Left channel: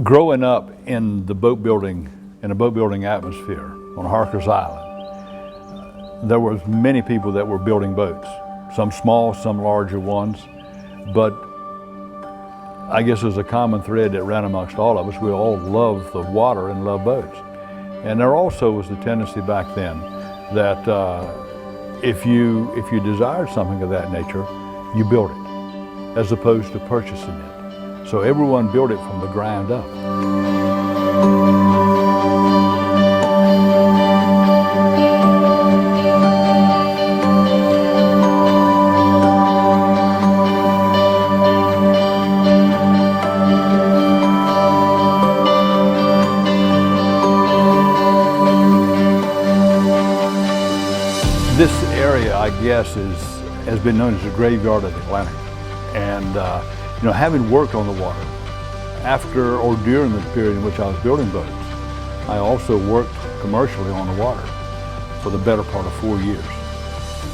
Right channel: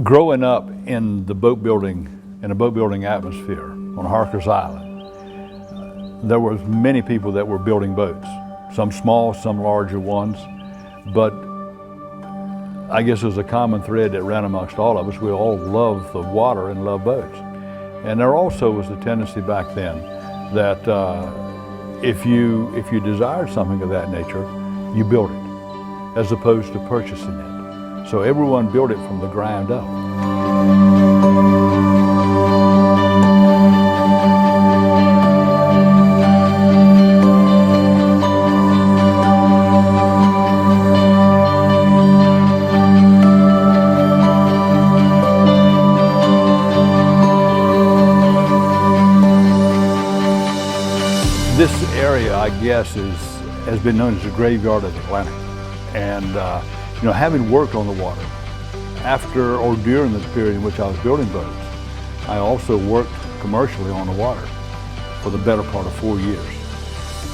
Growing up in the boat building, in a boat building atmosphere on Harker's Island, there was many people that were building boats, some small, some larger ones, but I guess there's a common thread that ran amongst all of us. We all love the water and love boats. And there also was the tendency back then that if you desired something of that nature, you built it, as opposed to purchasing it. So everyone built it from the ground up. This area, I guess, has been known as the graveyard of the Atlantic. And having worked on the water, after or during the period in which I was building boats, I also worked commercially on the water for the better part of 4 years.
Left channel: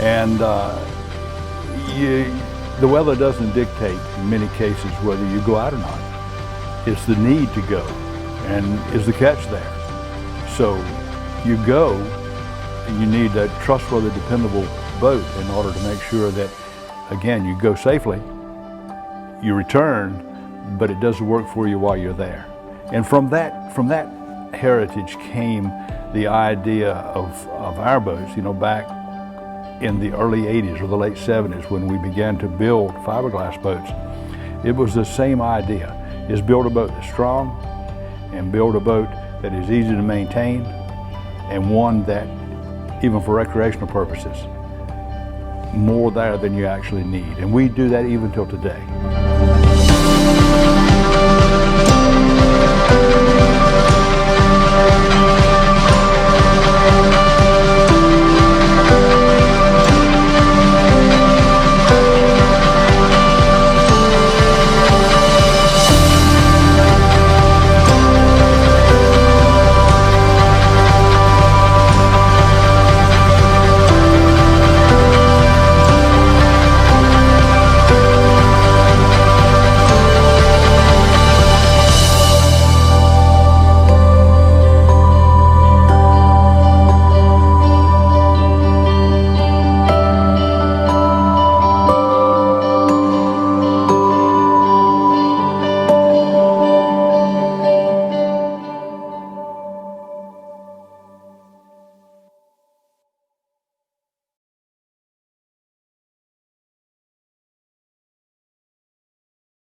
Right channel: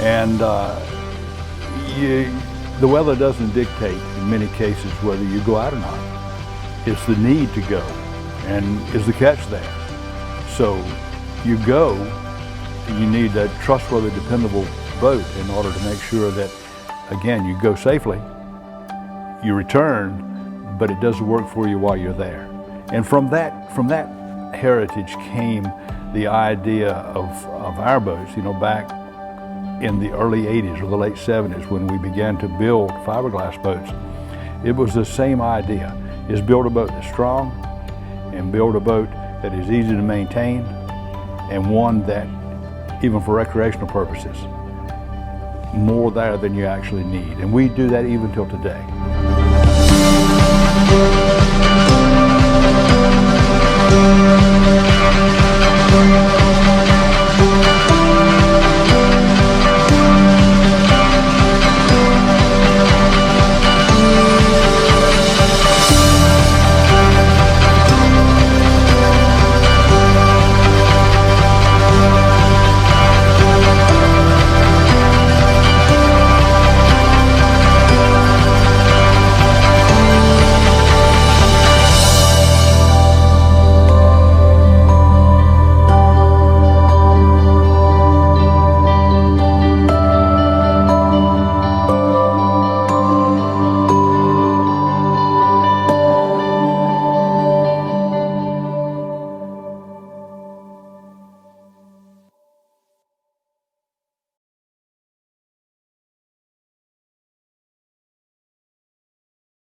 And the weather doesn't dictate, in many cases, whether you go out or not. It's the need to go, and is the catch there. So you go, and you need a trustworthy, dependable boat in order to make sure that, again, you go safely, you return, but it does work for you while you're there. And from that heritage came the idea of our boats, back in the early 80s or the late 70s when we began to build fiberglass boats. It was the same idea, is build a boat that's strong and build a boat that is easy to maintain and one that, even for recreational purposes, more there than you actually need. And we do that even till today.